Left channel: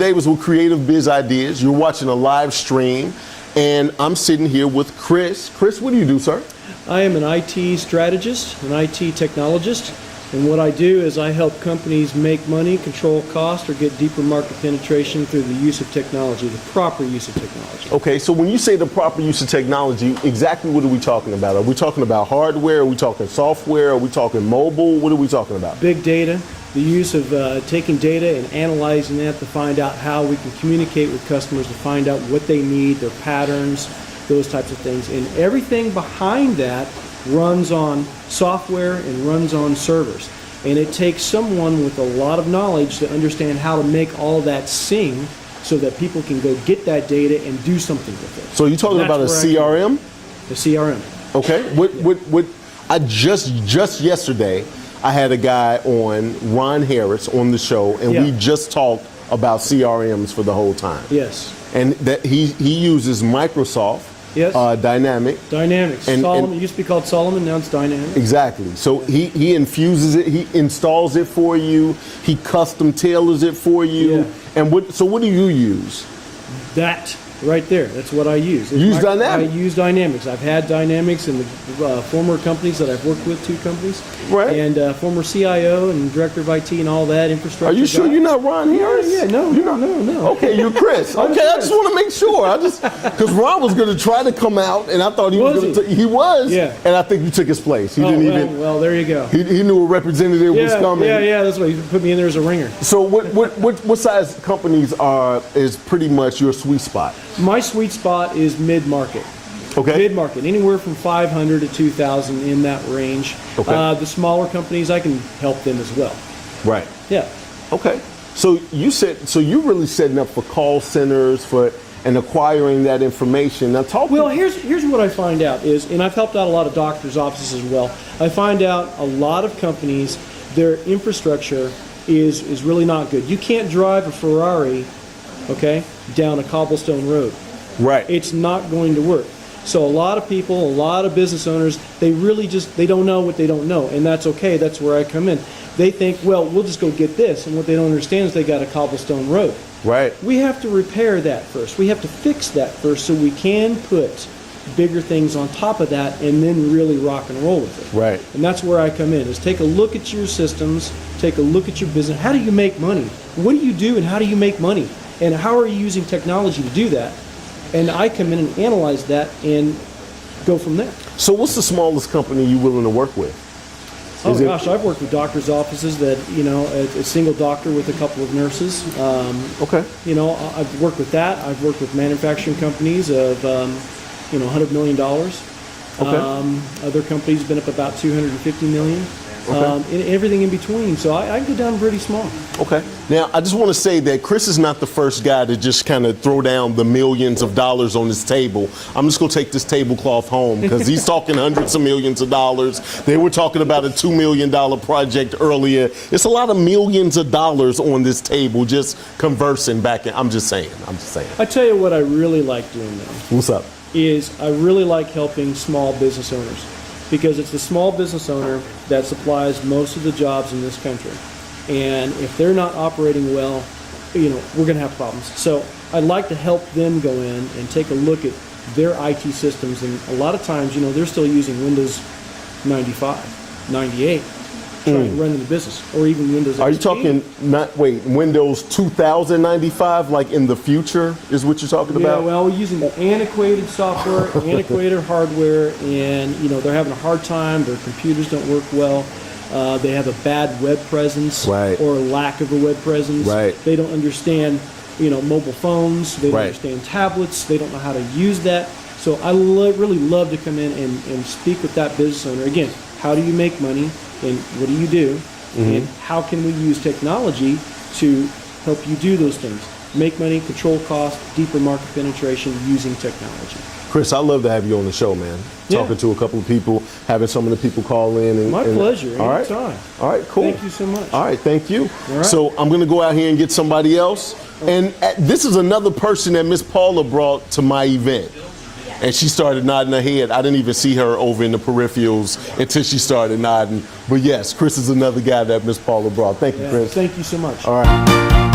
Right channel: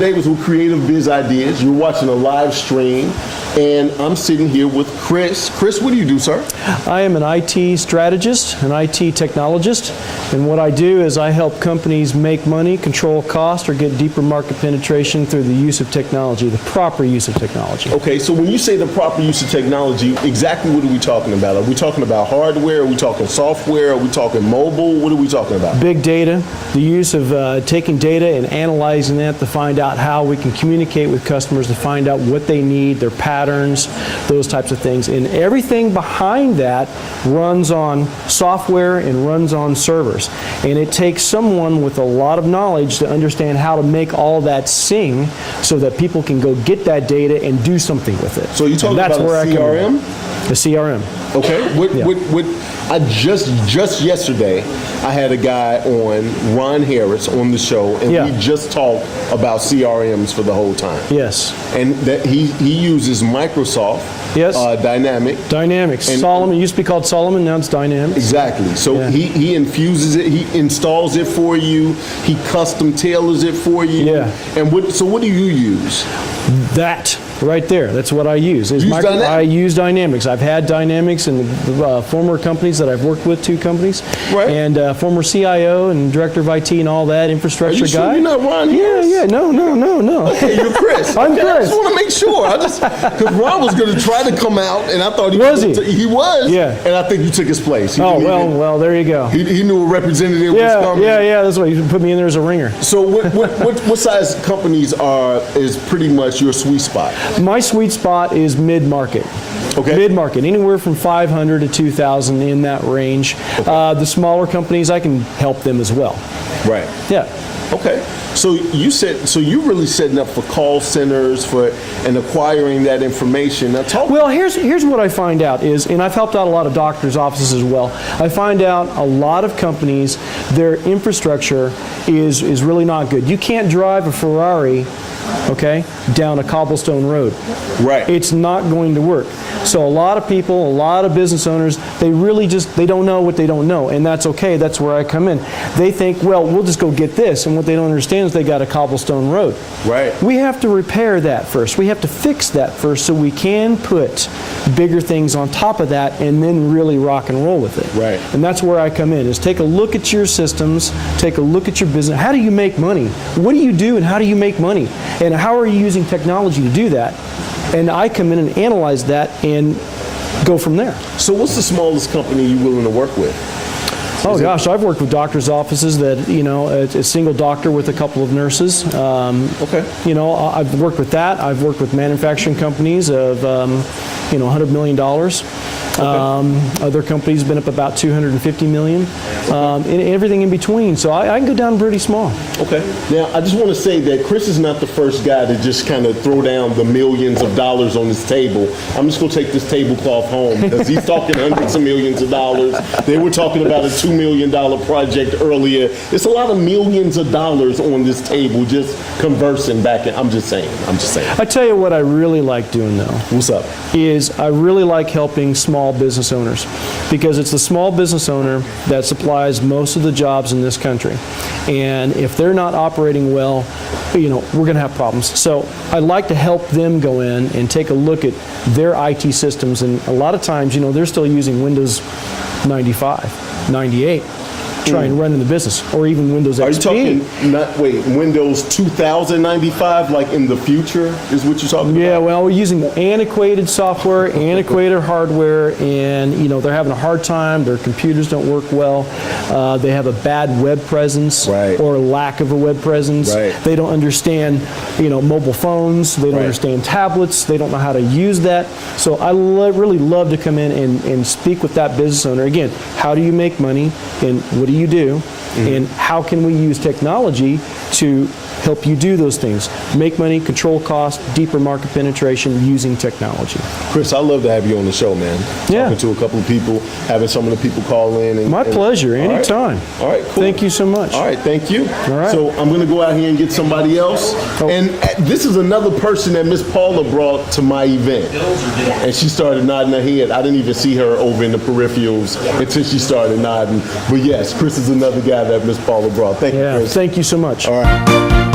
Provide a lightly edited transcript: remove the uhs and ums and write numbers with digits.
Davis with Creative Biz Ideas. You're watching a live stream, and I'm sitting here with Chris. Chris, what do you do, sir? I am an IT strategist, an IT technologist, and what I do is I help companies make money, control cost, or get deeper market penetration through the use of technology, the proper use of technology. Okay, so when you say the proper use of technology, exactly what are we talking about? Are we talking about hardware? Are we talking software? Are we talking mobile? What are we talking about? Big data, the use of taking data and analyzing that to find out how we can communicate with customers, to find out what they need, their patterns, those types of things. And everything behind that runs on software and runs on servers. And it takes someone with a lot of knowledge to understand how to make all that sing so that people can go get that data and do something with it. So you're talking about a CRM? The CRM. Okay. I just yesterday, I had a guy on, Ron Harris, on the show, and we just talked about CRMs for the whole time. Yes. And that he uses Microsoft Dynamics. Solomon, it used to be called Solomon, now it's Dynamics. Exactly. So he infuses it, he installs it for you, he custom tailors it for you. Yeah. And so what do you use? That right there. That's what I use. Dynamics? I use Dynamics. I've had Dynamics in the former companies that I've worked with, 2 companies. Right. And former CIO and director of IT and all that, infrastructure guy. Are you sure you're not Ron Harris? Yeah. No. Okay, you're Chris. I'm Chris. I just want to make sure. Because Ron was going to try to come out, and I thought he was. Yeah. And I think you took his place. Well, there you go. He knew a representative was coming. Yeah. That's why you put me in there as a ringer. So what size companies is pretty much your sweet spot? My sweet spot is mid-market. Okay. Mid-market, anywhere from 500 to 2,000 in that range. Okay. The smaller companies, I can help them as well. Right. Yeah. Okay. So you're really setting up for call centers and acquiring that information. Now Well, here's what I find out is, and I've helped out a lot of doctors' offices as well. I find out a lot of companies, their infrastructure is really not good. You can't drive a Ferrari, okay, down a cobblestone road. Right. It's not going to work. So a lot of people, a lot of business owners, they don't know what they don't know, and that's okay. That's where I come in. They think, well, we'll just go get this, and what they don't understand is they got a cobblestone road. Right. We have to repair that first. We have to fix that first so we can put bigger things on top of that and then really rock and roll with it. Right. And that's where I come in, is take a look at your systems, take a look at your business. How do you make money? What do you do and how do you make money? And how are you using technology to do that? And I come in and analyze that and go from there. So what's the smallest company you're willing to work with? Gosh, I've worked with doctors' offices that, a single doctor with a couple of nurses. Okay. I've worked with that. I've worked with manufacturing companies of, $100 million. Okay. Other companies been up about $250 million. And everything in between. So I can go down pretty small. Okay. Now, I just want to say that Chris is not the first guy to just kind of throw down the millions of dollars on this table. I'm just going to take this tablecloth home because he's talking hundreds of millions of dollars. They were talking about a $2 million project earlier. It's a lot of millions of dollars on this table just conversing back. I'm just saying. I tell you what I really like doing, though. What's up? Is I really like helping small business owners, because it's the small business owner that supplies most of the jobs in this country. And if they're not operating well, we're going to have problems. So I'd like to help them go in and take a look at their IT systems. And a lot of times, they're still using Windows 95, 98. Try and run in the business, or even Windows XP. Are you talking, Windows 2095, like in the future, is what you're talking about? Yeah, well, we're using antiquated software, antiquated hardware, and, they're having a hard time. Their computers don't work well. They have a bad web presence, right, or lack of a web presence. Right. They don't understand, mobile phones. They don't right. understand tablets. They don't know how to use that. So I really love to come in and speak with that business owner. Again, how do you make money, and what do you do, and how can we use technology to help you do those things? Make money, control cost, deeper market penetration using technology. Chris, I love to have you on the show, man. Talking to a couple of people, having some of the people call in. My pleasure, anytime. All right, cool. Thank you so much. All right, thank you. All right. So I'm going to go out here and get somebody else. And this is another person that Miss Paula brought to my event. And she started nodding her head. I didn't even see her over in the peripherals until she started nodding. But yes, Chris is another guy that Miss Paula brought. Thank you, Chris. Thank you so much. All right.